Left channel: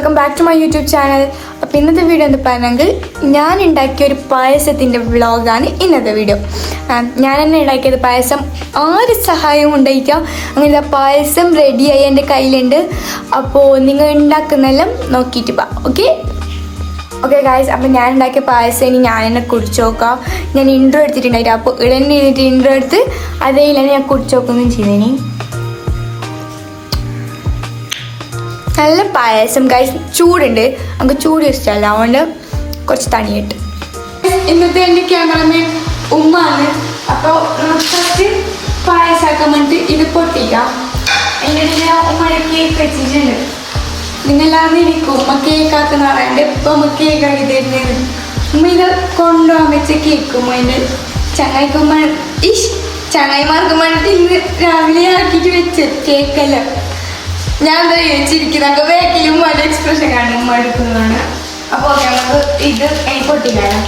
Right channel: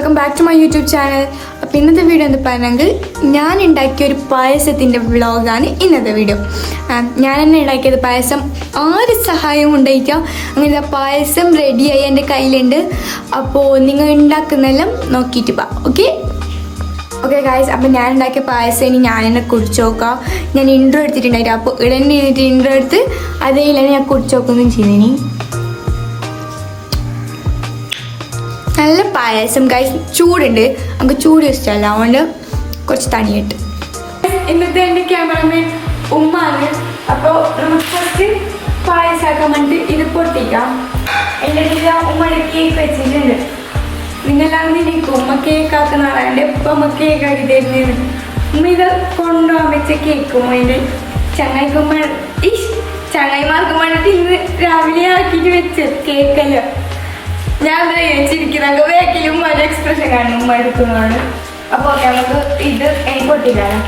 Welcome back to my YouTube channel. അപ്പോൾ ഇന്നത്തെ video എന്ന് പറഞ്ഞെങ്കിൽ ഞാൻ ഉണ്ടാക്കിയ ഒരു പായസത്തിൻ്റെ വ്ളോഗാണ് ഇന്നത്തെ വീഡിയോ. ഞാൻ തന്നെ ഉണ്ടാക്കിയത് പായസം, ആര് സഹായവും ഉണ്ടായിരിക്കാം. അങ്ങനെ പായസം റെഡിയായി എൻ്റെ കയ്യിലുണ്ട്. അപ്പോൾ നിങ്ങൾ ഉണ്ടാക്കുന്നതെല്ലാം നോക്കിയിട്ട് പോവാം. ഓക്കെ ഗായ്സ്, അപ്പോൾ ഞാൻ ഉണ്ടാക്കിയ പായസം ഇനി ഞാൻ തന്നെ കുടിച്ച് നോക്കാം. ഞാൻ ഇൻട്രോ എടുത്തിട്ടുണ്ടായിരുന്നു. അപ്പോൾ ഇടന്നെ ഇരുന്നിട്ട് ഇൻട്രോ എടുത്ത് അതേ ഞാൻ കുടിച്ച് നോക്കുകയും ചെയ്തേനി. നല്ല പായസം ഗൈസ്, ചൂടുണ്ട്, നമുക്ക് ചൂട് ഇഷ്ടമല്ല, അതുകൊണ്ട് കുറച്ച് തണിയിട്ട്. ഇന്നത്തെ എൻ്റെ ക്യാമറമാൻ ഉമ്മാണ്. അപ്പോൾ നമുക്ക് ഫസ്റ്റ് പായസമാക്കാൻ വേണ്ടിയിട്ട് ഇത് പൊട്ടിക്കാം. എൻ്റെ ഉമ്മയുടെ കേക്ക് വെച്ചിട്ടുണ്ട്. നിങ്ങളെല്ലാം ഇരിക്കും ഉമ്മ കേക്ക് ആക്കുന്ന പറയാണ്ട് ഇപ്പം ഉമ്മ കേക്ക് ആക്കി തരുന്നത്. ഉമ്മ ഇത് കൊണ്ടുപോകാൻ വെച്ച കേക്കും അതിൻ്റെ ചങ്ങായിക്കുമ്മ ചങ്ങായിമാർക്ക് വേണ്ടിയിട്ട് ഇന്ന് രാവിലെ ആക്കിയിട്ട് വെച്ച് കേക്കല്ല. ഞാൻ എന്താ ചോദിച്ചിരിക്കുന്നത് വേക്കിലും ഒരു എക്സ്പ്രഷൻ കാണും ഉമ്മ എടുക്കുന്നതാണ്. അപ്പോൾ ഓക്കെ, നമുക്ക് ഇത് എനിക്ക് പൊട്ടിക്കാലോ.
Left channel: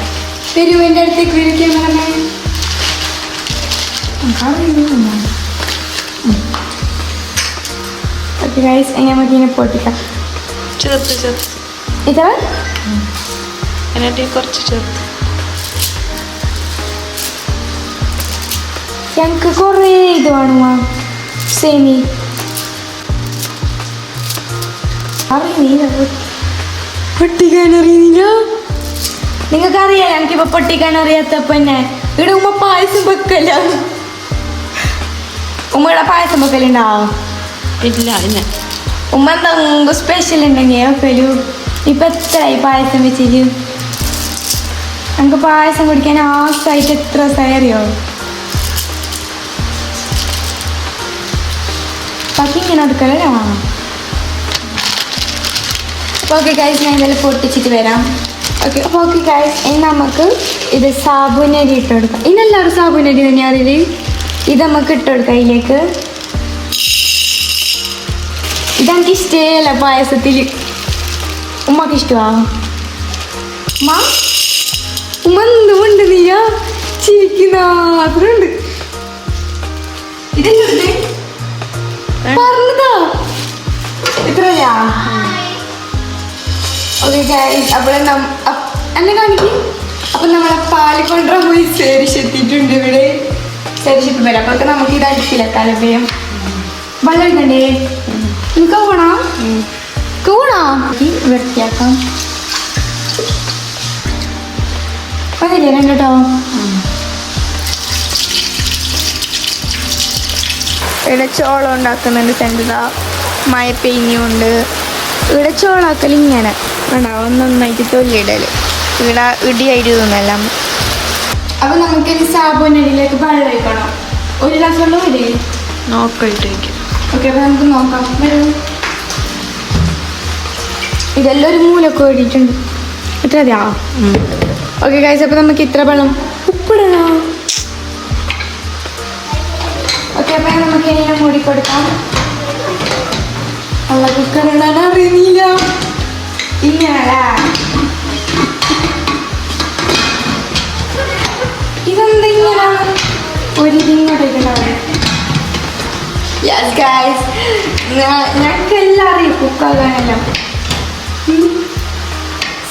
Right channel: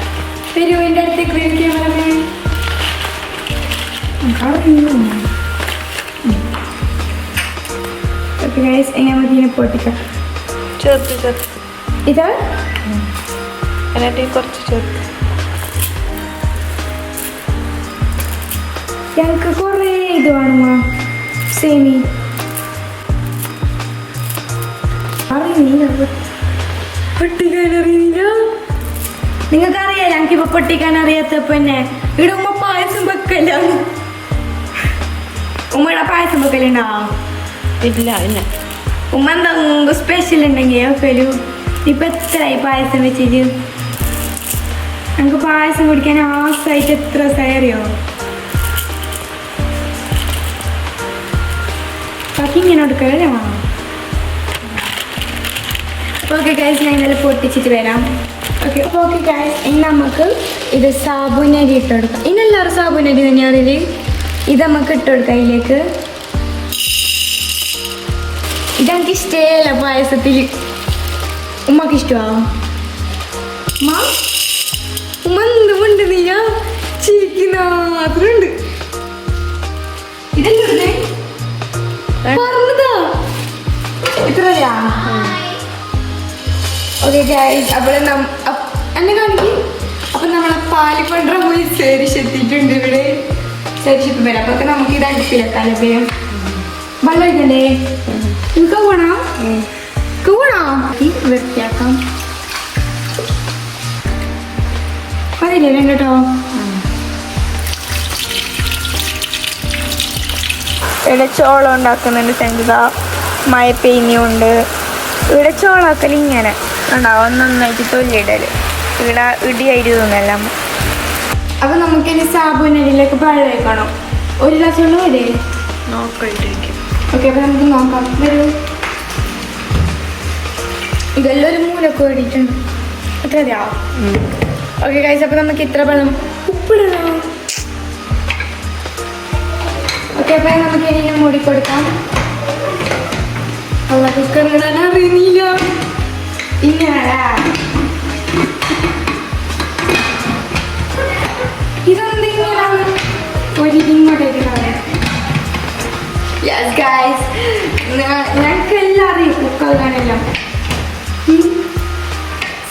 പെരുവിൻ്റെ അടുത്തേക്ക് വിളിക്കാൻ പറഞ്ഞേ നമുക്ക് ഇതിനെ പൊട്ടിക്കാം. ഇതാ കുറച്ച് ചേർത്ത് ഞങ്ങൾക്ക് കുറേ ഇത് വേണമോ സേമി പൊട്ടിക്കാൻ അറിയുന്നില്ല. നിങ്ങൾക്കറിയാലോ എനിക്കിപ്പോ പൊട്ടിക്കാൻ അറിയാത്തപ്പോ തന്നെ ഇവിടെ ഉമ്മ പായസം വെക്കല്ല. ഉമ്മയുടെ പായസം വെക്കലുണ്ടാവും ഇല്ല. ഇന്ന് ഉമ്മ എന്തെങ്കിലും സ്പെഷ്യൽ ഉണ്ടെങ്കിൽ വെക്കലു. ഇപ്പൊ എത്രയായി പായസം വെച്ചിട്ട്? നമുക്ക് പായസം കുടിക്കാൻ ആസായിട്ട് എത്ര ദിവസമായി അറിയോ? പക്ഷെ ഇങ്ങനെ എടുക്കലേ വേണം. ഓക്കെ ഗൈസ്, ഞാൻ ഇതെല്ലാം പൊട്ടിച്ചിട്ട് വരാം. ഓക്കെ ഗൈസ്, ഇനി നമുക്ക് ഇത് സാബുനരി ഇട്ട് കൊടുക്കാം. ഇന്നെല്ലാവരും സാബുനരി തന്നെയാണ് ഇത് നമുക്ക് ഇട്ട് കൊടുക്കാം ഇതിലേക്ക്. ഇതെനിക്ക് ഇഷ്ടമല്ല പായസത്തിൽ. ഉമ്മക്ക് ഇഷ്ടമാണ്. ഉമ്മ എന്തുകൊണ്ട് നീയാ ചിരിക്കുന്ന മാത്രമുണ്ട്. ഇതെന്തുണ്ട് പറഞ്ഞതാ ഇത്രയാ? ഓക്കെ ഗൈസ്, അപ്പോൾ എന്നെ കാണിക്കും. അപ്പം നമ്മളെ പാല് കൊണ്ടുവരാൻ പോയി സേരിശെത്തിയിട്ടുണ്ട്. ഇവിടെ സേരിശെത്തി വരാം. അപ്പോൾ നമുക്ക് ഇത് അടുപ്പിലെത്താലോ. വേഗം വെള്ളം ഒഴിക്കണ്ടേ? എനിക്ക് കൂടാ വൃത്തിയാക്കാം. അതില്ലേ കേട്ടോ. ഇവിടെ ചോളം ഉണ്ടാക്കുന്നുണ്ട്. സെൻറ്റതാ മഴ പെയ്യുന്നുണ്ട്. ഇവിടെ ചോളാക്കൽ ഇങ്ങനെ ഉണ്ടാവും, ഒന്നൊന്നായിട്ട് തൊല്ലിടല്. ഇവിടെ ഇടിയായിട്ട് തോന്നല്ല. അപ്പൊ നമുക്കിനി സാബുനരിയിലേക്ക് വെള്ളം ഒഴിക്കണം. ഒരു ഗ്ലാസ് വെള്ളം വരെ നോക്കിയിട്ട് വയ്ക്കും. ഓക്കെ, അപ്പൊ നമുക്ക് നോക്കാം. വരൂ. ഇതെല്ലാം ഒരു മൂലൊക്കെ ഓടിയിട്ടുണ്ട്. ഇത്ര മതിയാ? ഓക്കെ ഗൈസ്, അപ്പൊ നമുക്ക് ഇത്ര വെള്ളം ഉപ്പിടണം. ഓക്കെ, അപ്പൊ നമുക്ക് ഇനി മൂടിക്കൊടുക്കാം. അറിയുന്നില്ല ഇങ്ങനെ ഇതെന്തെങ്കിലും ഒരു ഇങ്ങോട്ടേക്കല്ലേ. യെസ് ഗൈസ്, ഞങ്ങൾക്കെല്ലാം അറിയാം കുക്കാകാനെല്ലാം.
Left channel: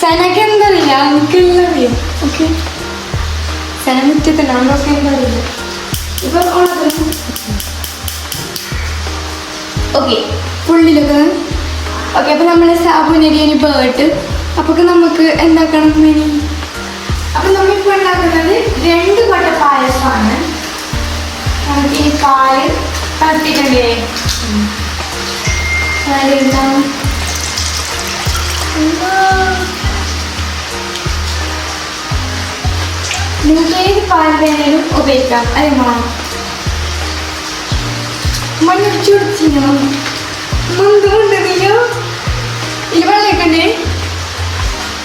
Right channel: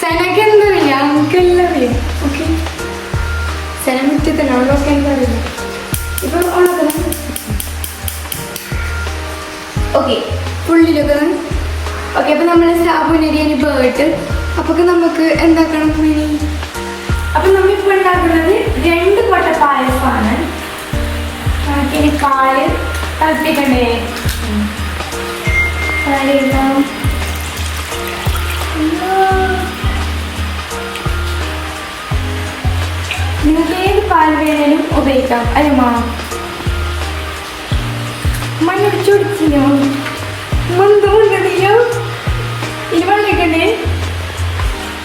സനക്ക് എന്തറിയില്ല, നമുക്കെല്ലാം അറിയാം. ഓക്കെ, സന മുറ്റത്തല്ല, അവളൊക്കെ എനിക്കറിയില്ല. ഇപ്പൊ ഓക്കെ ഫുള്ളിലൊക്കെ. ഓക്കെ, അപ്പോൾ നമ്മൾ സാബുനരി ബേർട്ട്. അപ്പോൾ നമുക്ക് എന്താക്കണം? അപ്പം നമ്മളിപ്പോൾ ഉണ്ടാക്കുന്നത് 2 കൊട്ട പായസമാണ്. നമുക്ക് ഇനി പാല് തിളപ്പിക്കണ്ടേ? പാലുണ്ടാവും. നിങ്ങൾക്ക് ഏത് പാൽ വേണേലും ഉപയോഗിക്കാം. അല്ലമ്മ മണ്ണൊടിച്ചുടിച്ചിനോ? മുണ്ടുമുണ്ടോ? ഇത് വെള്ളക്കണ്ടേ?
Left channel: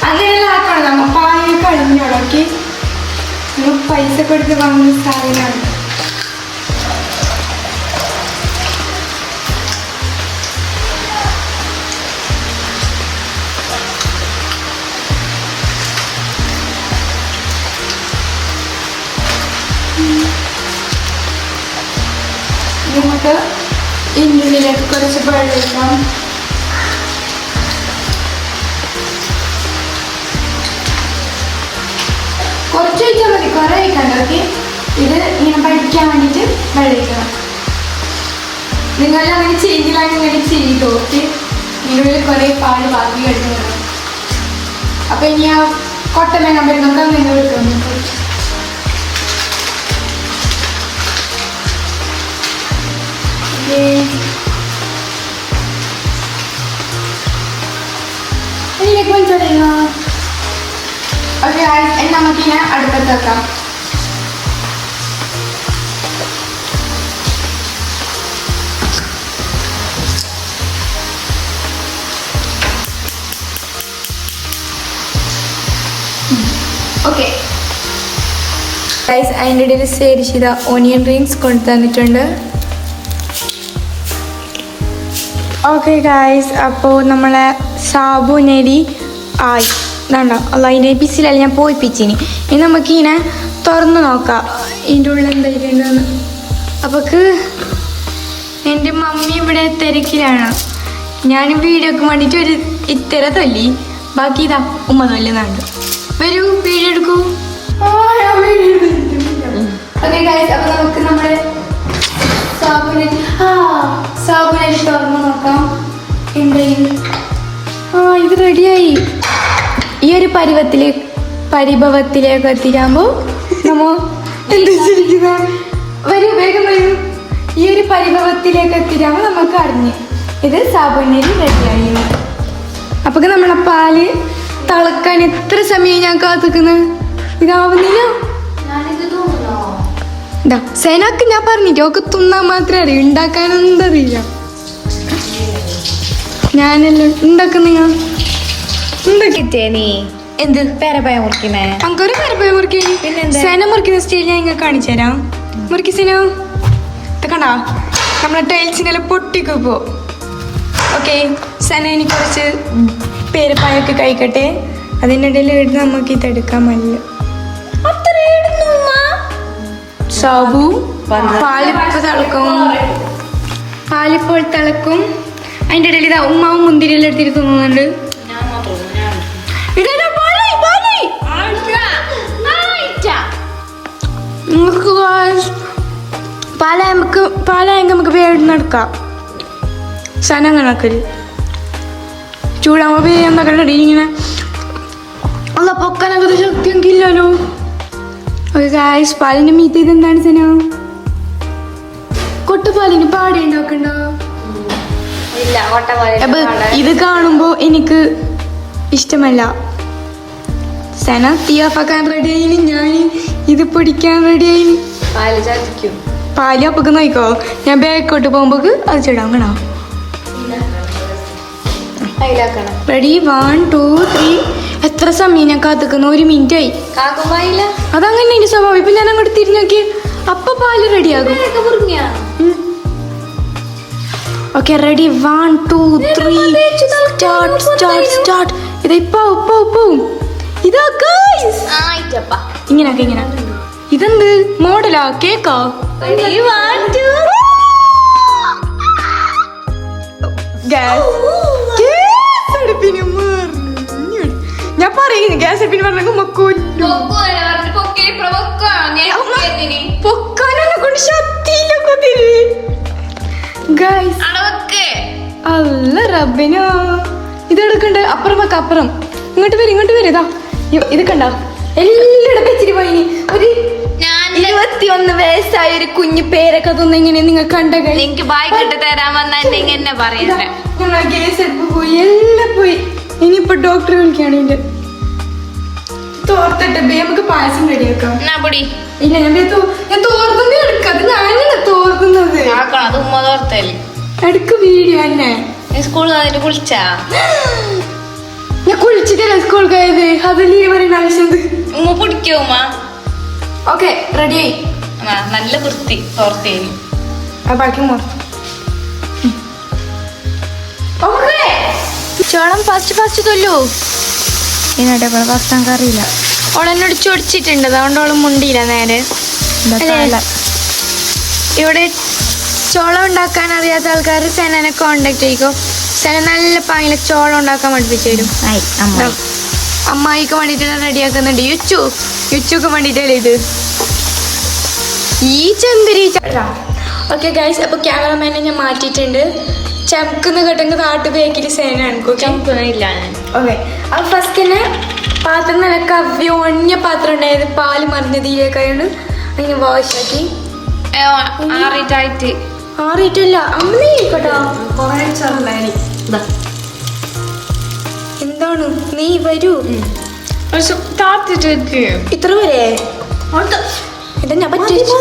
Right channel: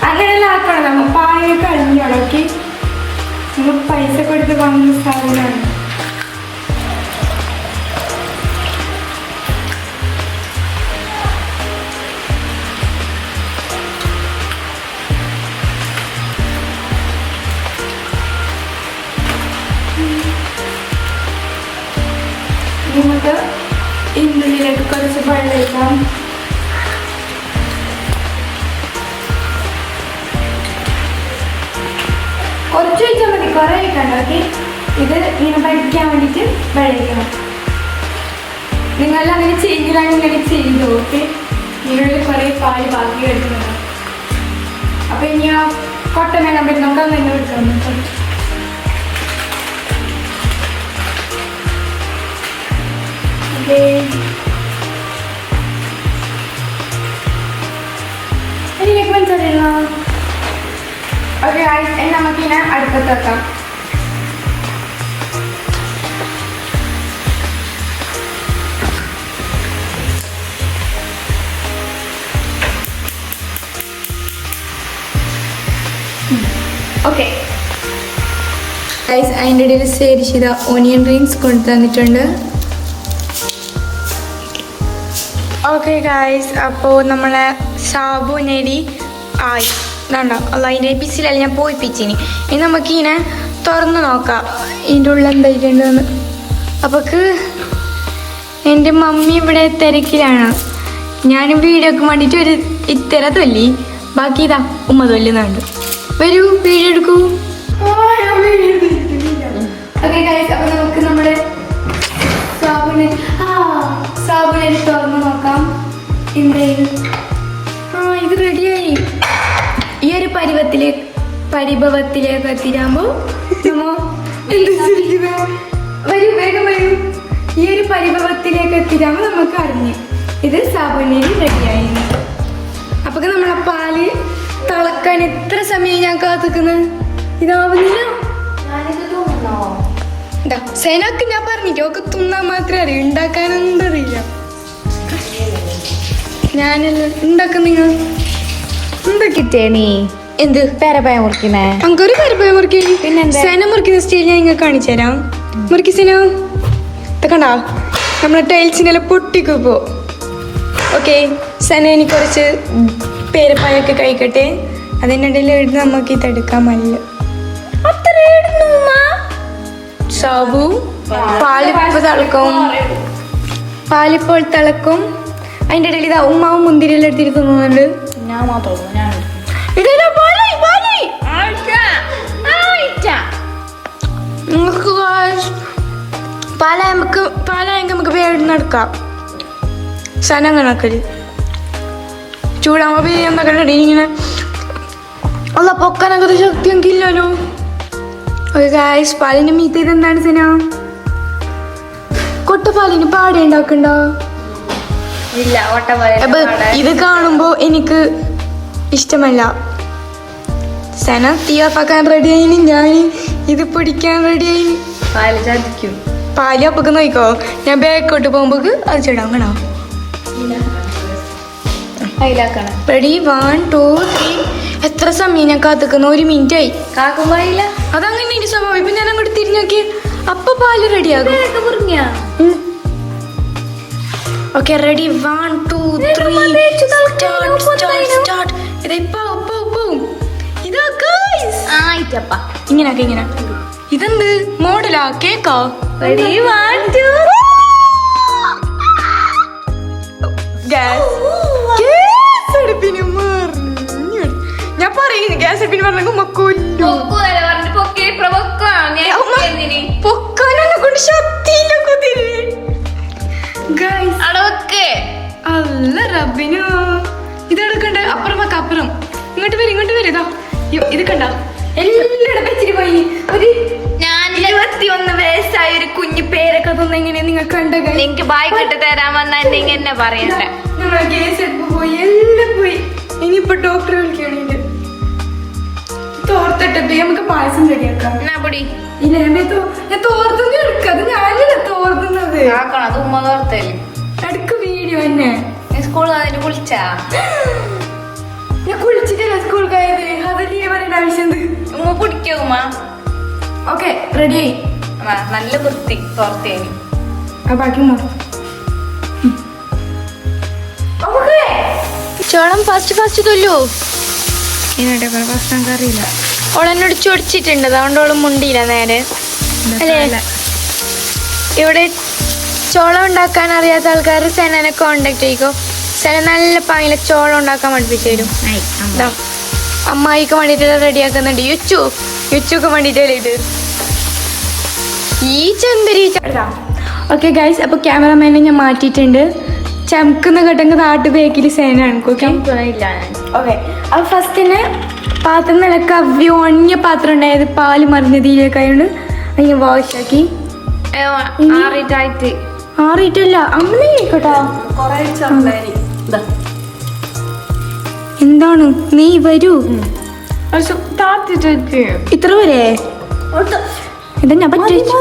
അങ്ങനെയെല്ലാം ആക്കണം. നമ്മൾ പായ കളഞ്ഞുടക്കി നമ്മൾ പൈസ കൊടുത്ത് വാങ്ങുന്ന സാധനമാണ്. നമുക്ക് ഇതിനുള്ളിലേക്ക് കുറച്ച് വെള്ളം ഒഴിക്കാം. കുറച്ച് ഒഴിച്ചാൽ മതി, കുറെ ഒഴിക്കണ്ട. ഓക്കെ, ഇത് ഇങ്ങനെ പഠിക്കാൻ വേണ്ടിയിട്ട് വെള്ളം ഒഴിക്കണം. നിങ്ങളെല്ലാം അങ്ങനെ ചെയ്തിലാണ് ഇങ്ങനെ ചെയ്തു. ഓക്കെ, ഇതിനുള്ളിൽ കുറെ പാല് ബാക്കി കിടക്കുന്നത്. അപ്പൊ ഇനി ആ കൊട്ട മേങ്ങാൻ പറ്റും, നമുക്ക് അങ്ങനെ എടുക്കാം. അതിലേക്ക് മനസ്സിലാ. ഓക്കെ, നമുക്കിങ്ങനെ അടുപ്പത്ത് വെക്കാം. ഓക്കെ ഗൈസ്, അതിൻ്റെ ഇടയിൽ ശരിശിത ഓണിയൻ റിങ്സ് കൊണ്ടു തന്നിട്ടുണ്ട്. ഓക്കെ ഗൈസ്, അപ്പോൾ നമ്മളെ സാബുനരി ആയി വേണ്ട അല്ല, അതിൻ്റെ പിസിലല്ല ഞാൻ പോയിപ്പിച്ചിനി. ഇനി നമുക്കിങ്ങനെ തുറന്ന് നോക്കാം ഇതിൻ്റെ ഉള്ളിൽ എന്തായിട്ടുണ്ടെന്ന്. അപ്പോക്ക് എൻ്റെ മമ്മി ഇവിടെ തിരക്കിലാണ്. ഞാൻ വീഡിയോക്ക് വേണ്ടിയിട്ട് ഒരു ഇത്തര തൊല്ലി, ബാക്കി ഇതാ ഉമ്മ തൊല്ലുന്നുണ്ട്. വരൂ, വീഡിയോ എടുക്കൂ. ഓക്കെ ഗൈസ്, അപ്പോൾ നമുക്ക് നമ്മുടെ സാബുനരി തുറന്ന് നോക്കാം. എന്തെങ്കിലും ഇത് റെഡിയായി. ഈ ഒരു പരിഭവത്തിലേക്ക് എത്തിരാകുമ്പോൾ വരൂ, വേഗം വരൂ. ഈ ഒരു പരിഭവത്തിലേക്ക് എത്തിരാകുമ്പോൾ നമുക്ക് അറിഞ്ഞ് ഇത് സാബുനരി റെഡിയായി. അപ്പൊ നമ്മളെ പാല് തിളക്കാൻ എത്ര സമയം ഞാൻ കാത്തിക്കുന്നു, ഇതാവുന്നില്ല. സേനക്ക് ഞാൻ പറഞ്ഞിട്ട് ഒക്കെ തിന്നാൻ മാത്രമേ അറിയൂ, ഉണ്ടാക്കാനൊന്നും അറിയില്ല. ഞാനല്ലേ ഉണ്ടാക്കുന്ന. നീ എന്ത് പേരപ്പായ മുറിക്കുന്നേ? നമുക്കൊരു പേരപ്പായ മുറിക്കാൻ സേന മുറിക്കുന്ന സ്റ്റൈൽ ഞാൻ ഇങ്ങനെ കാണിച്ചു തരാം. മുറിക്ക് സേനോ, കണ്ടോ നമ്മളെ ടൈൽസിനെല്ലാം പൊട്ടിക്കുപ്പോ. ഓക്കെ, സേന എനിക്ക് കുറച്ച് പേരപ്പായൊക്കെ കഴിക്കട്ടെ. അതിനിടയിൽ ഇട്ട് നമുക്ക് ഇതെടുക്കാൻ മല്ല. സാബു പാലിപ്പോൾ തിളക്കും, പാലിപ്പോൾ തിളക്കും. അതിൻ്റെ ഇടയിൽ ഇതാ ഉമ്മാവും മുന്തിരിയെല്ലാം എടുത്തിട്ട് തിന്നുന്നുണ്ട്. പാലായ നമുക്ക് വേഗം നടക്കാം. സന കണക്കല് ചൂടാകുമ്പോ വേഗം ഇങ്ങനെ അല്ല പൊക്കാനൊക്കെ ശക്തി എനിക്ക് ഇല്ലല്ലോ. ഒരു ഗായ്സ്, പാലിന്റെ മീത്ത ഇതെന്താണ് സന? കൊട്ടപ്പാലിന് പാട ഉണ്ടാക്കണ്ടോ? അപ്പൊ ഇത് കാണുമ്പോ എനിക്ക് ഇഷ്ടമല്ല. സന തീ ഓഫാക്കാൻ റെഡി ആയിന്, ഞാൻ ഇത് പിടിക്കാൻ റെഡി ആയിന്. പാല് അപ്പൊക്ക് നോക്കോ, ഞാൻ ബാക്കോട്ട് പോകുമ്പോ അത് ചെടാങ്ങണോ. റെഡി, 1 2 3. എത്ര സമയം ഞാൻ കാത്തിക്കുന്നു? 1 മിനിറ്റ് ആയി. അതങ്ങനെ എന്റെ സ്വഭാവം. ഇപ്പൊ ഞാൻ അങ്ങോട്ട് തിരിഞ്ഞോക്കി അപ്പൊ പാല് റെഡിയാകും. Okay, ready, 1 2 3 start. ഇതാ ഇതാ ഗൈസ്, ഇങ്ങനെ ഇതെന്ത് മോഡലാ? കേക്കോ? ഞാൻ പറയുന്നു ഗ്യാസ് അടുപ്പിന് പറഞ്ഞ കൊല്ലു പൊക്കാനെ കൊണ്ട് ശക്തിയില്ല കൊതിരി. അല്ല റബ്ബിനോ, ഇതെടുക്കണ്ടേ? അപ്പുറം ഇങ്ങോട്ട് വരും. ഇതാ ഇത് കണ്ട എല്ലായിടത്തും ഇച്ചിരി പൈനി. ഒരു 21 വയസ്സായ ഒരു കുഞ്ഞു പേരൊക്കെ തോന്നെങ്ങനെ നിങ്ങൾ കണ്ട? എനിക്ക് ബായ് കെട്ട് തരാൻ വന്നെങ്കിൽ എന്നെ പറയണ്ടേ. ഗ്യാസ് എടുപ്പ് പോയി, എല്ലാം പോയി. ഇനിയിപ്പോ ഡോക്ടർ വിളിക്കുകയാണെങ്കിൽ തോർത്തട്ടെ, നമുക്ക് പായസം റെഡിയാക്കാം. ഇല്ല, ഞാൻ തോർത്തുന്നത് എടുക്കാതെ ഞാനില്ല തോർത്തുന്നത്. അത് ഉമ്മ തോർത്തല്ലേ അടുക്ക് വീഡിയോ തന്നെ. സ്കൂളിൽ അതിന് കുളിച്ചാ? ഞാൻ കുളിച്ചിട്ടല്ല സ്കൂൾ പോയത്, അതല്ലേ പറയുന്ന ആവശ്യം. ഉമ്മ പിടിക്കോ ഉമ്മ? ഓക്കെ, റെഡിയായി. നല്ല വൃത്തി തോർത്തേനി. ബാക്കി ചോളം ഫസ്റ്റ് തൊല്ലു. ഇതിനാട്ടെ ഫസ്റ്റ് നമുക്ക് അറിയില്ല. ഓളെന്നോട് ചൊടിച്ചിട്ടുണ്ട്, അതുകൊണ്ട് ഓളും മുണ്ടിയില്ല നേരെ. ഇവിടെ ചോളം ഉണ്ടാക്കാൻ അറിയാത്ത ആൾക്കാർ സെനനെ കോണ്ടാക്ട് ചെയ്യിക്കോ. സെന നല്ല പാങ്ങിലെ ചോളം ഉണ്ടാക്കാൻ പഠിപ്പിച്ചു തരും. അമ്മായിക്ക് വേണ്ടിട്ട് റെഡിയാക്കുന്നുണ്ട്. യുച്ചുക്ക് വേണ്ടിട്ടല്ലേ ഇത്. ഈ ചന്ദരി ഓക്കെ ഗൈസ്, അപ്പോൾ ക്യാമറമാനെ ഞാൻ മാറ്റിയിട്ടുണ്ട്. ചമക്കുന്ന കേട്ടെങ്കിൽ നാട്ടു ബേക്കിൽ സേനാണ് ചമക്കുന്നില്ല ഞാൻ. ഓക്കെ, അപ്പോൾ ഫസ്റ്റിന് പാത്രം നല്ല കവ്യോണ്യ പാത്രം ഉണ്ടായത് പാല് മറിഞ്ഞതിലേക്കായോണ്ട് അതിനെ വാഷാക്കി ആറിട്ടായിട്ട് മാറിയിട്ടില്ല. അങ്ങനെ കേട്ടോ എന്താണ് നീ വരൂ താത്തിട്ട് ഇത്ര വരെ ഇതെന്നെ പറ്റിച്ചു.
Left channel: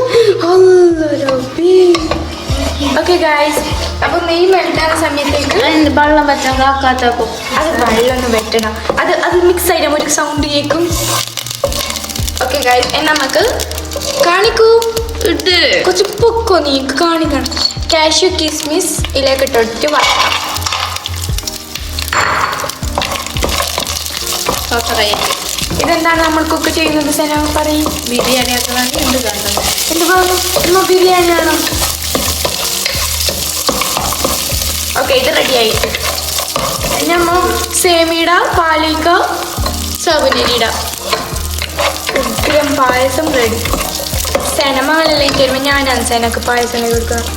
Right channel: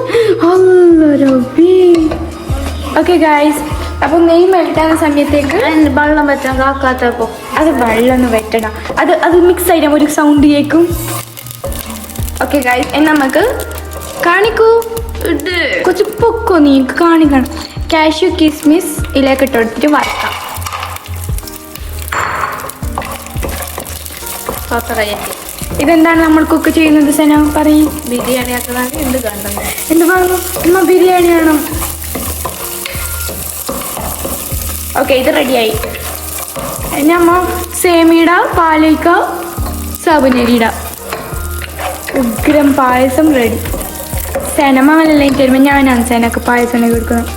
ഓക്കെ ഗൈസ്, അപ്പൊ നെയ് മെൽറ്റാകുന്ന സമയത്തേക്ക് വെള്ളം പറ്റാൻ കാക്കാത്തപ്പോ അത് വെള്ളമൊന്നും വെട്ടണം. അത് മിക്സ് ആയിട്ട് ഒരു സൗണ്ട് കേൾക്കും. ഓക്കെ ഗൈസ്, എന്നാ നമുക്ക് കാണിക്കൂ. കുറച്ച് പൊക്കോ നീ കാണിക്കണം. കാഷ്യൂ കിസ്മിസ് ഇതിലേക്ക് ഇട്ടിട്ട് വറക്കാം. ഇതെന്താണ് നമ്മൾ കുക്ക് ചെയ്യുന്നത് സന പറയും? ബിരിയാണി ആക്കുന്നതാണ് എന്ത് കണ്ടത്. എന്ത് പറഞ്ഞു? എന്നാ ബിരിയാണിയാണോ? ഓക്കെ, ഇത് റെഡിയായി. ഞമ്മ സേമിയിട, പാലിക്ക, സാബുനരിയിട. ഉഗ്രം പായസം റെഡി. സെനമാലെല്ലാം തരുമ്പോൾ ഞാനാണ് സെനക്ക് പായസം കൊടുക്കുന്നത്.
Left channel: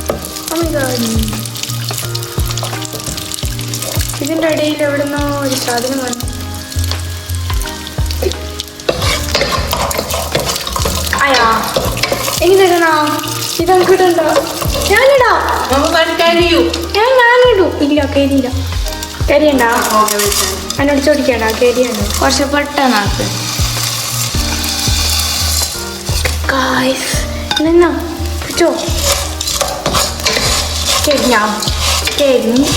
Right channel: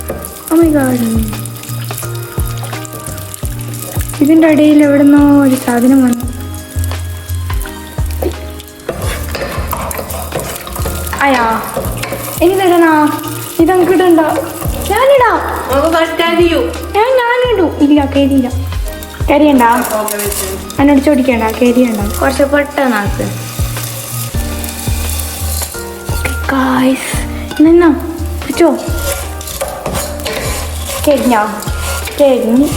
ഇതിൻ്റെ ഇടയിൽ എവിടുന്നോ ഒരു സാധനം വന്നു. അയാ എങ്ങനെയാണോ ഇത് നമുക്ക് ഇടണ്ടോ? ഞാനിടാം. ഞാനിടൂ. ഇല്ല, കരിയില്ല. കരിയണ്ട, എന്നോട് ചോദിക്കണ്ട. കരിയണ്ട, കുറച്ച് പെട്ടെന്നാക്ക്. നിന്നോ കിട്ടോ? കരിഞ്ഞോ? കരിഞ്ഞ്.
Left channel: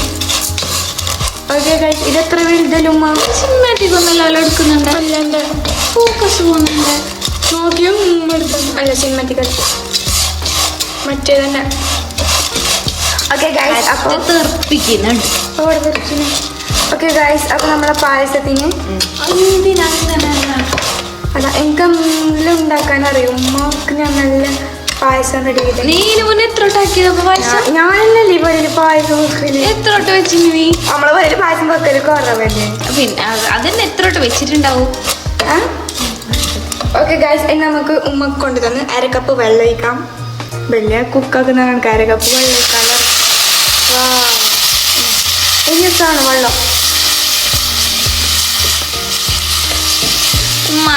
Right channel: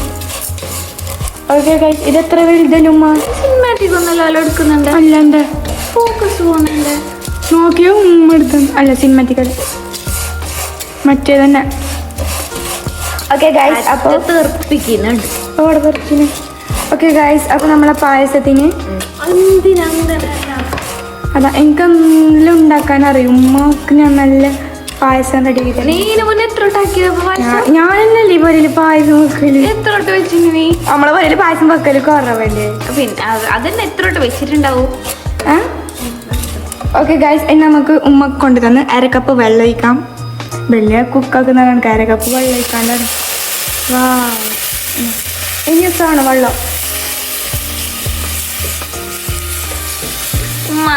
ഓക്കെ ഗൈസ്, ഇതെത്ര വലുതല്ലുമ്മ? സിനിമാറ്റിക് ഒന്നല്ലോ എടുക്കുന്നുണ്ട്. അല്ലാണ്ട് ഫോക്കസ് പോകുന്നുണ്ട്. നോക്കിയോ എടുക്കും. അല്ല, സിനിമാറ്റിക് അല്ല, മറ്റേ തന്നെ. ഓക്കെ ഗൈസ്, അപ്പോൾ തീർപ്പിക്കുന്നുണ്ട്. അവിടെ തെറിച്ചിന്. ഓക്കെ ഗൈസ്, അപ്പോൾ നമ്മളെ പായസത്തിന് അല്ല എനിക്ക് എന്തെങ്കിലും ഉണ്ടാക്കാൻ അറിയും. ഉമ്മക്ക് ഞാൻ നല്ല പായസം റെഡി ചെയ്ത്. നീ മുന്നേ എത്ര ഉണ്ടാക്കിയപ്പോ പായസം? ഞാനല്ലേ വരല് പായസം വെക്കല്. എത്ര വട്ടം വെച്ചിന് നീ? നമ്മളെ വരല് പായസം വെക്കല് കുറവല്ലേ? പിന്നെ അതന്നെ എത്ര വട്ടം വെച്ചിട്ടുണ്ടാവും? ഓക്കെ ഗൈസ്, ഇനി നമുക്ക് ഉമ്മക്ക് കൊണ്ട് തന്ന് അരക്കപ്പ് വെള്ളം ഒഴിക്കാം. വലിയ കുക്കാക്കുന്ന കണക്ക് അരക്കപ്പ് വെള്ളം ഒഴിക്കാൻ പറയും. ഇനി ഇഷ്ടമാണ് വെള്ളം. ഉമ്മ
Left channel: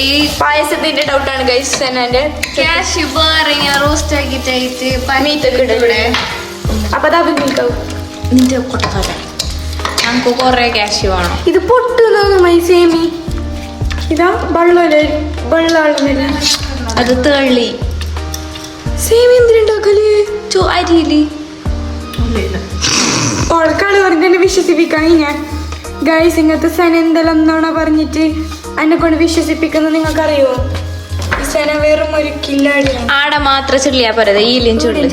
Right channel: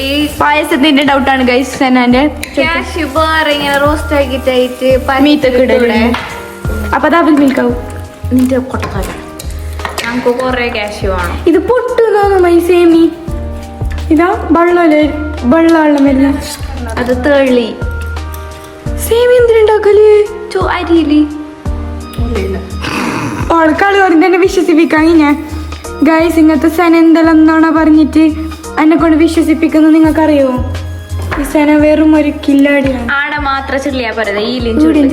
ഈ പായസത്തിന്റെ ഡൗട്ടാണ് ഗൈസ്. സെനാന്റെ ക്യാഷ് വേറെ ഇങ്ങനെ റോസ്റ്റ് ആക്കിട്ടായിട്ട് പനീത്തൂടെ. അപ്പൊ അതാ നിൽക്കാവും. നിന്റെ കൊട്ടത്തല ഞങ്ങക്ക് കൊറേ ക്യാഷ് വേണം. ഇത് പൊട്ടുന്നോന്നുമായി സേമി. ഇതാ വെള്ളമല്ലേ, വെള്ളമല്ല അത് തെളി. സേമി എന്തിനുണ്ടാക്കല്? അരിയില് ആൾക്കാർ അതിനെ വിശ്വസിപ്പിക്കാൻ ഞാൻ ഗൈസ്. ഇങ്ങനത്തെ സെന എന്തെല്ലാം എന്നാണ് പറഞ്ഞിട്ട് എന്നെ കൊണ്ട് വിശ്വസിപ്പിക്കുന്നത് നിങ്ങൾക്കറിയോ? സെന വെറും ഒരു കില്ലാടി. ആടെ മാത്രം ചുള്ളിയാ പോരത്, ഈലും ചുള്ളി.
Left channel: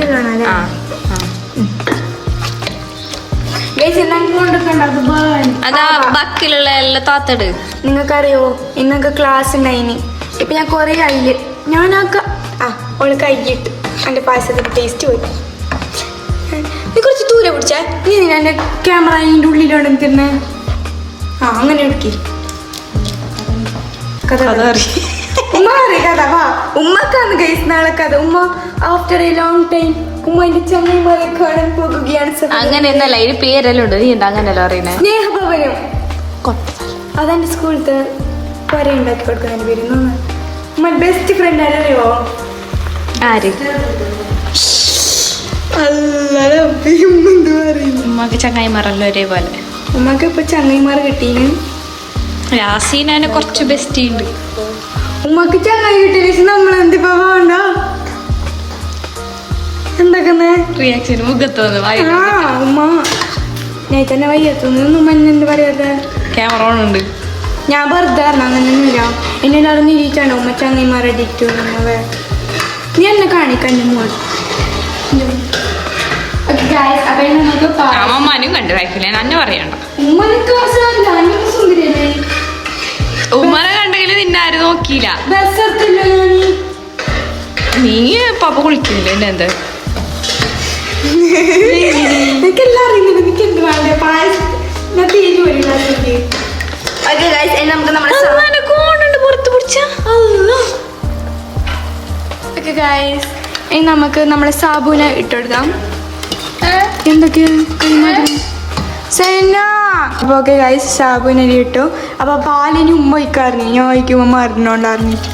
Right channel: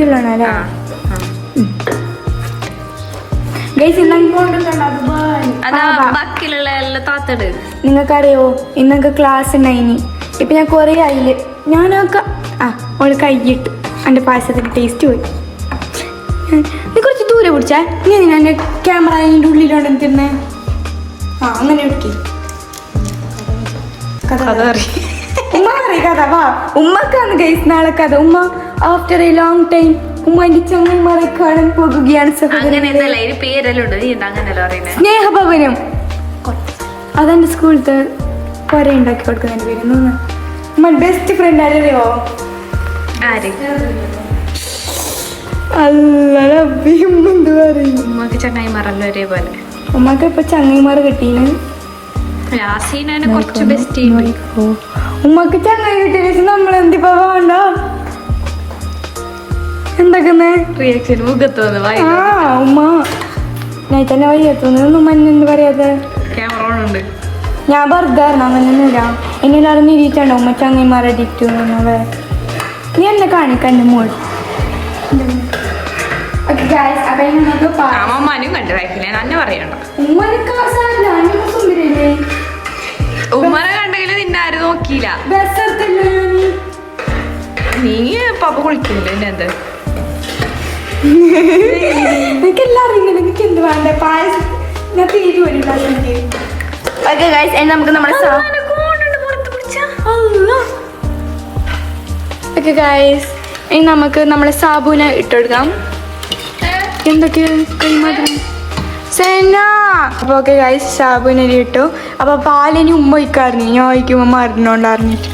അതാ ബാക്കിയുള്ള എല്ലാം താത്തട്. നിങ്ങൾക്കറിയോ ഇന്നൊക്കെ ക്ലാസ് ഉണ്ടായിന്. ഇപ്പൊ ഞാൻ കൊറേ ആയില് ഞാനൊക്കെ ഓള് കൈയിട്ട് എൻ്റെ പായസത്തിന്റെ ടേസ്റ്റ് പോയി. നീ കുറച്ച് ദൂരെ പിടിച്ചാ നീ എൻ്റെ ക്യാമറ അതിൻ്റെ ഉള്ളിലോടെ തിന്നെ. അങ്ങനെ എടുക്കി കഥ ഉമ്മ അറിയ കഥ. വാ, ഉമ്മക്കാണ് ഗൈസ് നാളെ കഥ. ഉമ്മ ആഫ്റ്റർ എ ലോങ് ടൈം ഉമ്മന്റെ ചങ്ങന്മാരെ കാണാൻ പോകുകയാണ്. അങ്ങനെയൊന്നല്ല, ഇതിന് പേരെല്ലാം ഉണ്ട്. നീ എന്താ അങ്ങനെയല്ലോ അറിയണേ? സ്നേഹഭവനം. അതെന്റെ സ്കൂളിലത്തെ കര ഉണ്ടാക്കി കൊടുക്കുന്ന പേര്. ഉമ്മ ബെസ്റ്റ് ഫ്രണ്ട് അറിയോ? ആര്? ഉമ്മക്ക് ചങ്ങായിമാരല്ലോ ഒരേപോലെ. ഉമ്മക്ക് ഇപ്പൊ ചങ്ങായിമാർ കിട്ടീന്. യാസീനെ കുറച്ച് ബെസ്റ്റ് ഉണ്ട്. ഉമ്മക്ക് ചങ്ങായി കിട്ടിയ നമ്മളെന്തിപ്പോ വേണ്ട എന്താക്കുന്നേ റിയാക്ഷൻ മുഖത്തോന്ന് വായി. ഉമ്മ ഞാൻ തന്നെ വയ്യത്തോന്ന് ഉമ്മ എന്ത് പറയാതെ. ക്യാമറ ഓൺ ഉണ്ട്. ഞാൻ വെറുതെ അങ്ങനെയൊന്നുമില്ല. എന്നെ അറിഞ്ഞിരിച്ചാണ്ടോ ഉമ്മ ചങ്ങായിമാരെ ഡിക്റ്റു. നീ എന്നെ കാണിക്കാൻ മോൾ. അമ്മമാനും കണ്ടു വായിക്കില്ല, എന്നെ പറയണ്ട. സുന്ദരിയല്ലേ? ഉമ്മനെ കണ്ടെങ്കിലും നിന്നെ ആരും നോക്കിയില്ല. നീ പപ്പ കുളിക്കുന്നില്ല എന്നെ എന്ത്? എനിക്കെല്ലാം അറിയില്ല. എനിക്ക് എന്ത് വേണ്ടേ? പായസം ഞാൻ തീരെ വരില്ല. ഓക്കെ ഗൈസ് ഇനി നമുക്ക് നമ്മുടെ ഓക്കെ ഗൈസ് ഇനി നമുക്ക് നമ്മുടെ സാബുവിനെ ഇട്ടുകൊടുക്കാം. എന്തൊക്കെയാ കൈമാറ്റം സെന. അപ്പൊ ഓക്കെ ഗൈസ് സാബുവിനെ ഇട്ടു. അപ്പൊ പാലിനി ഉമ്മ ഒഴിക്കാറിഞ്ഞു, ഞാൻ ഒഴിക്കുമ്പോ മറന്നോണ്ടറിഞ്ഞിട്ട്.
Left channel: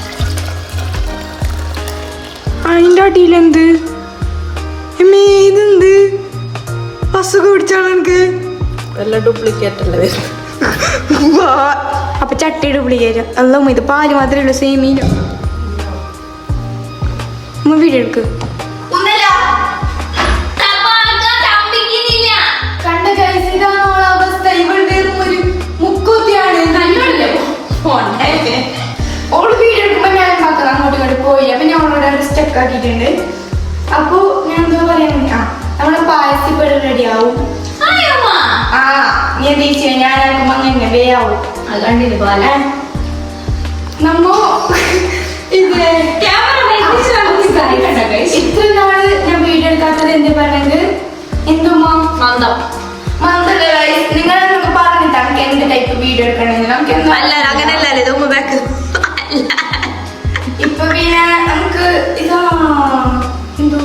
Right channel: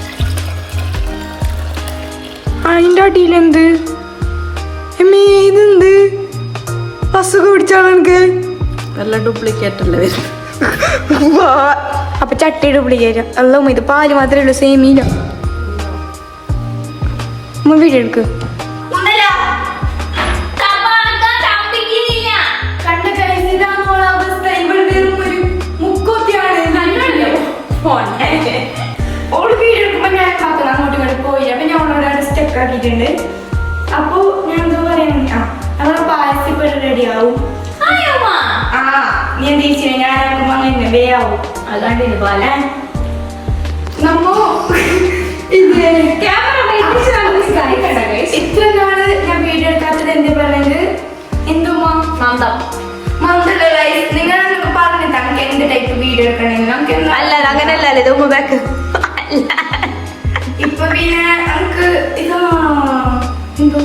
അതിൻ്റെ അടിയിലെന്ത് ഇതെന്ത് അസുഖം പിടിച്ചാണ് എനിക്ക്. അപ്പൊ ചട്ടി ഡ്യൂപ്ലിക്കേറ്റ് അല്ല ഇത് പാല് മാത്രമേ ഉള്ളൂ, സേമിയില്ല. വീഡിയോ എടുക്ക്. പോയില്ല അപ്പൊ ഞാൻ ഓളോട് സ്റ്റെക്ക് ആക്കിയിട്ടുണ്ട്. അപ്പൊ ഞാൻ എന്താ പറയുന്നത്, നമ്മളെ പായസം ഇപ്പൊ റെഡി ആവും. നീ എന്ത് ചെയ്യ ഞാനാകുമ്പോ അങ്ങനെ വേയാവും. അത് കണ്ടില്ല പോലെ നമ്മ ഇത്ര നാള് ഞാൻ വീഡിയോ എടുക്കാത്തത് എന്ത് പറയുന്നത് എന്തുമാ മന്ദല്ലേ നിങ്ങൾ പറഞ്ഞിട്ടാണ് എന്ത് ടൈപ്പ് വീഡിയോ എടുക്കണമെങ്കിൽ നമുക്ക് ഇപ്പൊ പിന്നെ നമുക്ക് ഇതാ എന്തോ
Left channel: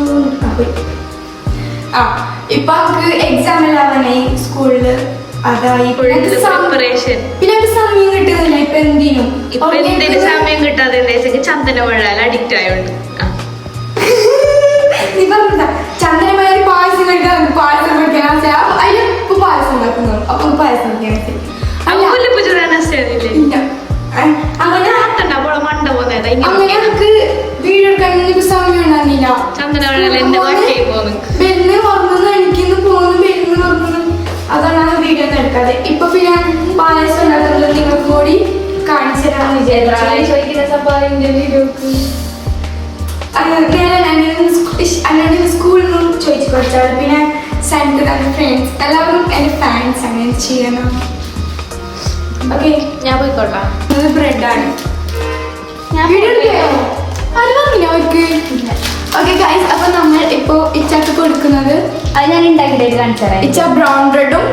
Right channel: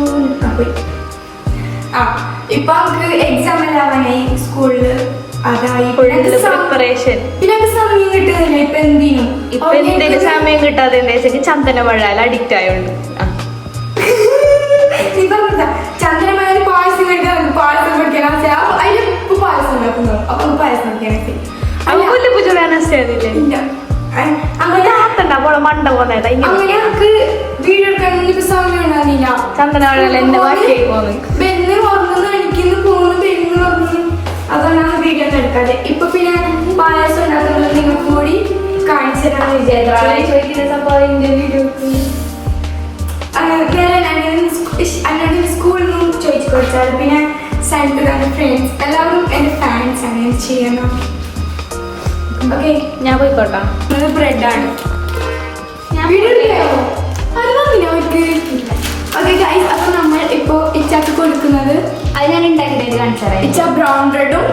ഇപ്പൊ നമുക്ക് എക്സാം എല്ലാവരായി സ്കൂളില്. അതായി പ്രിപ്പറേഷൻ. പിന്നെ സമയം കിട്ടുന്നില്ല ഇപ്പൊ എന്തിനും. ഇപ്പൊ എന്തിനു സമയം കിട്ടാതെ ചന്ദനമഴ അഡിക്റ്റ് ആയോണ്ട് നീ പറഞ്ഞ ചന്ദനമഴ പായസം കഴിക്കാൻ നമുക്ക് പായസം പഠിക്കാൻ അതിലിപ്പോ പായസം ഉണ്ടാക്കുന്നു. അപ്പൊ പായസം പഠിക്കാൻ മണ്ട പോന്നത് അങ്ങനെ നമുക്ക് വീഡിയോ എടുക്കാൻ സമയം ഉണ്ടാവില്ല. ചന്ദനമഴ ബെല്ല് ഉറങ്ങുന്ന എനിക്കിന്ന് പോകുന്നു, ബെല്ലിന് ഉറങ്ങുന്നു. അതാണ് വീഡിയോ ഒന്നും എടുക്കാതെ. ഇപ്പൊ പിന്നെ പായസം ഉണ്ടാക്കുന്നത് നിങ്ങൾക്ക് കൂടി കാണിച്ചു തരാമെന്ന് വിചാരിച്ചു. അങ്ങനെ സ്കൂളിൽ നിന്നും ചോദിച്ചു കൊടുത്താൽ പിന്നെ സെൻറ്റർ ഫ്രണ്ട്സ് എല്ലാവരും എൻ്റെ ഫാൻസ് അങ്ങനെ ചെയ്യണം. ഓക്കെ ഞാൻ പോയിക്കോട്ടാ. ഇത് ബ്രെഡാണ്. ഓക്കെ ഗൈസ് അപ്പൊ നമ്മൾ ഇപ്പൊ ഇച്ചാക്ക് കൊടുക്കുന്നത് അത് ഞാൻ ഉണ്ടാക്കിയിട്ട് കാണിച്ചു ഇച്ച ബ്രൗൺ ബ്രെഡും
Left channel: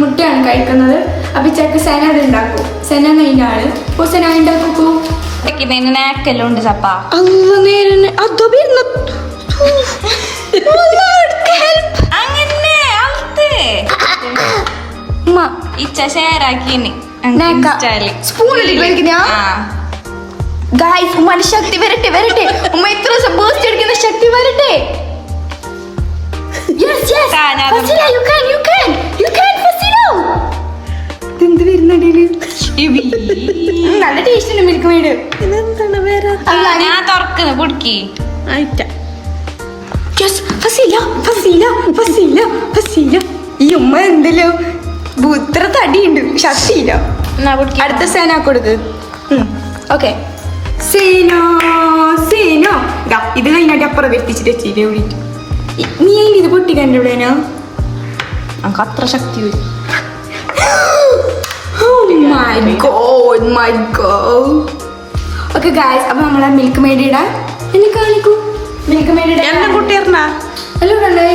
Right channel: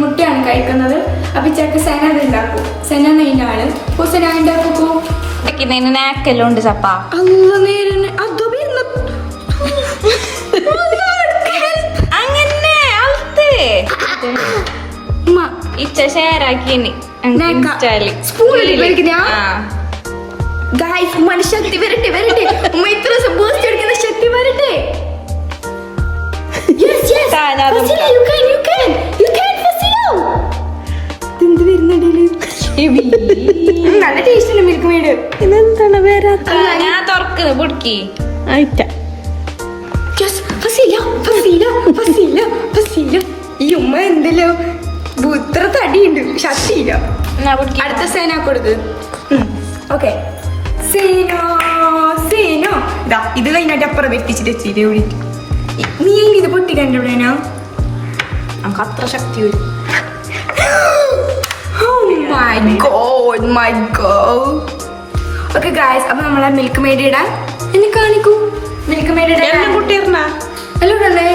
മുട്ടയാണ് കഴിക്കുന്നത്. അപ്പൊ ഇച്ചാക്ക് സെന അത് ഉണ്ടാക്കും. സെന നെയ്യാണ്. അപ്പൊ സെന ഉണ്ടാക്കൂ നാക്കെല്ലാം ഉണ്ട് ചപ്പ. അങ്ങനെ ഇച്ച ഷെയറാക്കിന് ശക്തി വരട്ടെ വരട്ടെ ഉമ്മ ഇത്ര ബൂസ്റ്റ് എടുക്കുന്ന ശക്തി വരട്ടെ. എന്ത് വരുന്നുണ്ടേല് നല്ല ടേസ്റ്റ് ഉണ്ട് മിൽക്ക് മെയ്ഡ്. ഞാൻ തുറക്കുന്നു പൊടിക്ക്. ഈ ഉമ്മ എന്തല്ലോ ഇത്ര തടിയുണ്ട്, ശക്തിയില്ല. അടുത്ത സേന കൊടുക്ക്. ഓക്കെ സേനോ സേനോ ഇതാ ഇത് കഴിഞ്ഞിട്ട് അപ്പുറം വെത്തിച്ചിട്ട് എത്തിയില്ലേ വിളിക്കും. നീ ഇത് പൊട്ടിക്കണ്ട എവിടെയാ നമുക്ക് അത്ര ശക്തി വരും. ഓക്കെ ഗായ്സ് അപ്പൊ നമ്മളെ മിൽക്ക് മെയ്ഡ് ഇടാൻ എന്നെ കാണിക്കൂ. മിൽക്ക് മെയ്ഡ് ഇടാൻ കുട്ടിയറിനാ അല്ലേ.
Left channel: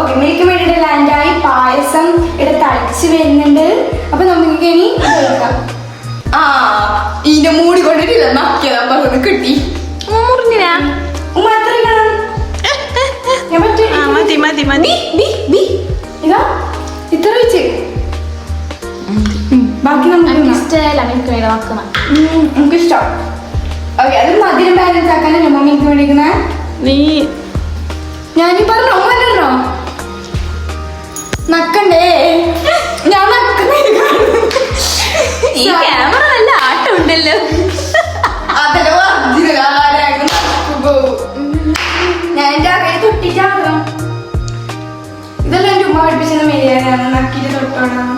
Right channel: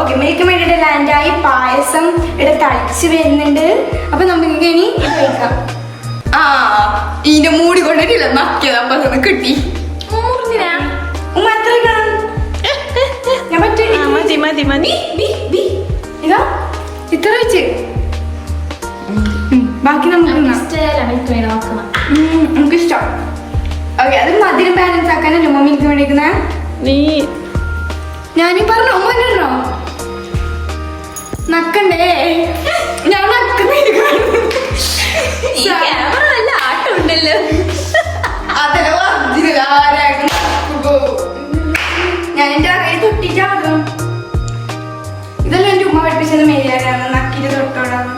ഓക്കെ മിൽക്ക് മെയ്ഡ് ലാൻഡായി. പായസം ഇവിടെ തളിച്ച് വരുന്നുണ്ട്. അപ്പൊ നമുക്ക് ഇനി ഇത് കഴിക്കാം. ഇതിന്റെ മൂടി കൊണ്ടിട്ടില്ല നക്കിയതാ പറഞ്ഞത് കിട്ടി. ഇതാ ഇത്ര വെച്ച് ബാക്കി നമുക്ക് ഇഷ്ടം. ഓക്കെ അത് മധുരം ബാലൻസ് ആക്കാനല്ലോ മമ്മിക്ക് വേണ്ടിയിരിക്കുന്നേ. നീ ഞാനീ പറഞ്ഞോ പറഞ്ഞോ നക്കണ്ടേ ഞാൻ ഞാൻ എന്റെ അകയിൽ തൊട്ടിട്ടാണ്. ഇതെല്ലാം എന്റെ ഉമ്മ പഠിപ്പിച്ചത് മെയ്യാനാണ്. നക്കിട്ട് തൊട്ടോടാണ്.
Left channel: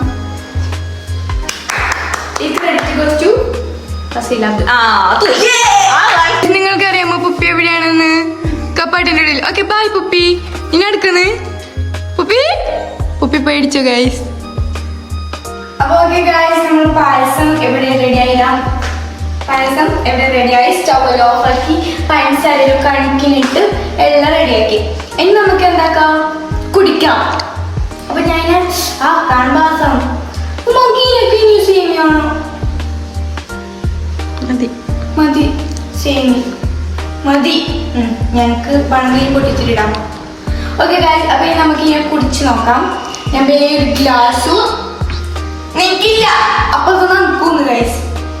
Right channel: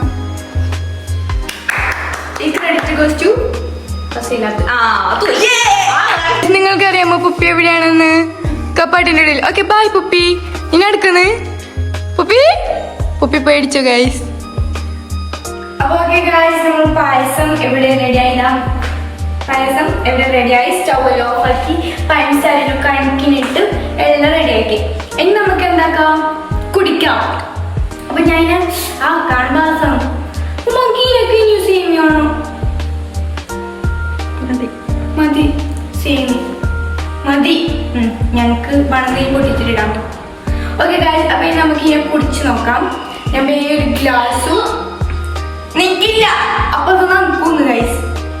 നിങ്ങൾക്കറിയാമോ പുപ്പി എവിടെയാണെന്ന്? കപ്പാട്ടിന്റെ ഇടയിൽ. Okay bye പുപ്പി. ഇനി എടുക്കുന്നേ പുപ്പി. പുപ്പി പേടിച്ചു ഗൈസ്. അപ്പൊ ഓക്കെ ഗൈസ് നമ്മൾ പായസം എവിടെ റെഡിയായില്ല. പായസം എവിടെ റെഡിയായി. സ്റ്റൗ ഓഫ് ആക്കി പഞ്ചസാരയിൽ കണക്കിനിട്ട് എല്ലാം റെഡിയാക്കി. ഇനി നമുക്ക് എന്താക്കാം കുടിക്കാം. അപ്പൊ ഞാൻ കാണുമ്പോ മകീനൊക്കെ ഇനി സേമിയാണോ? മതി സേമി മതി. ഞങ്ങൾക്ക് വണങ്ങി പൊട്ടിച്ചിട്ടിടാം. ഓക്കെ ഗൈസ്, അപ്പൊ ഇനി നമുക്ക് ഇങ്ങനെ കുടിച്ച് നോക്കാം. ഞാൻ വേറെ ഗ്ലാസ്സും നിൽക്കില്ല. അപ്പൊ അത് നമുക്കൊന്ന് ഗൈസ്,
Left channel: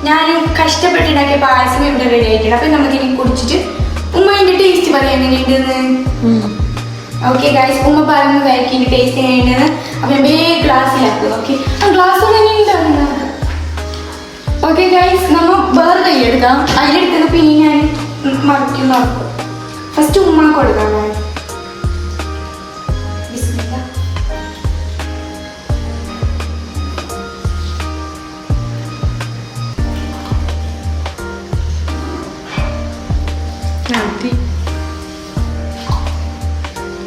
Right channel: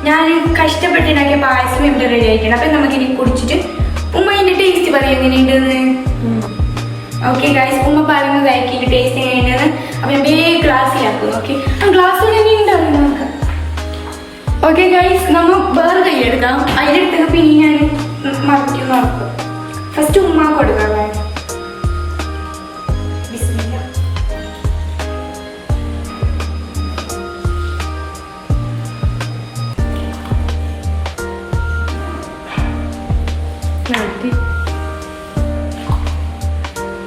ഞാൻ കഷ്ടപ്പെട്ടുണ്ടാക്കിയ പായസം ഇവിടെ റെഡി ആയിട്ടുണ്ട്. അപ്പൊ നമുക്ക് ഇനി കുടിച്ചിട്ട് ഉമ്മ ഇതിന്റെ ടേസ്റ്റ് പറയാം എങ്ങനെയുണ്ടെന്ന്. ഓക്കെ ഗൈസ്, ഉമ്മ പറയുന്നതായിരിക്കും ഇതിന്റെ ടേസ്റ്റ് എങ്ങനെയുണ്ടെന്ന്. അപ്പൊ ഞാൻ വേറെ ഗ്ലാസ്സിലാക്കും. ഓക്കെ, ആ ഗ്ലാസ് തന്നെ ഉണ്ടാകും നമുക്ക്. ഓക്കെ ഗൈസ്, നമ്മൾ വേറെ കയ്യെടുക്കാം. അതിലെടുക്കുന്ന പിന്നെ ഞാൻ മറക്കി നോക്കും. ഫസ്റ്റ് ഉമ്മ കൊടുക്കാം.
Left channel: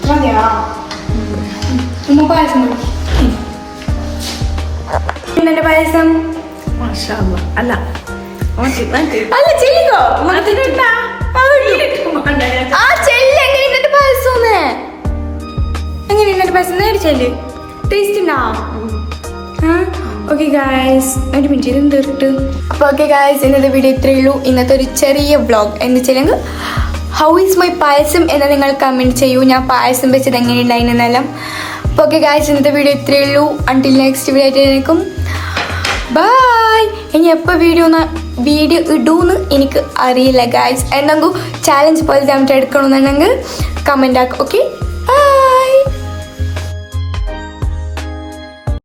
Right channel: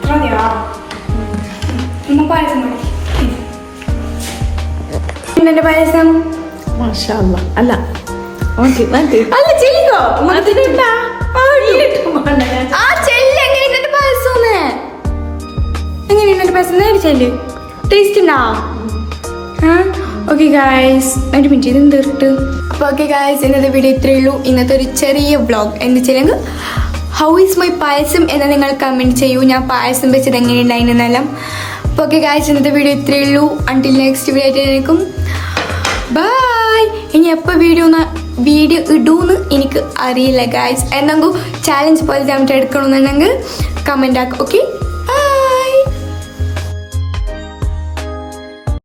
മതിയോ? ഉമ്മ പായസം കൊടുക്കും. എന്റെ പായസം അല്ല അല്ല ചെല്ലിക്കോ. ആ ചെല്ല്. എങ്ങനെയുണ്ട് പായസം? എങ്ങനെയുണ്ട് പായസം? നേരിച്ചല്ലേ ടേസ്റ്റ് ഉണ്ടാ? ഓക്കെ ഗായ്സ്, ഒരു മിനിറ്റ് ഇത് തീർട്ട്. അപ്പോൾ ഓക്കെ ഗായ്സ്, ഇന്നത്തെ വീഡിയോ ഇത്രയേ ഉള്ളൂ. ഇന്നത്തെ ഒരു ചെറിയ വ്ളോഗ് എന്ന് വെച്ചില്ലെങ്കിൽ ഹൗ ഈസ് മൈ പായസം എന്ന് നിങ്ങൾ കമൻറ്റ് ചെയ്യൂ. ഞാൻ പായസം വെച്ചത് എങ്ങനെയുണ്ടായിരുന്നെല്ലാം. അപ്പോൾ ഓക്കെ ഗായ്സ്, ഇന്നത്തെ വീഡിയോ ഇത്രയേ ഉള്ളൂ. അൺടിൽ നെക്സ്റ്റ് വീഡിയോ ആയിട്ടായിരിക്കും. ബൈ. ഇനി എപ്പോൾ വീഡിയോ ഇടൂന്ന് എനിക്ക് അറിയില്ല ഗായ്സ്. എന്തെങ്കിലും ചാലഞ്ച് പോലെ നമുക്ക് എടുക്കണമെന്നുണ്ടെങ്കിൽ കമൻ്റ് ആക്കും. ഓക്കെ.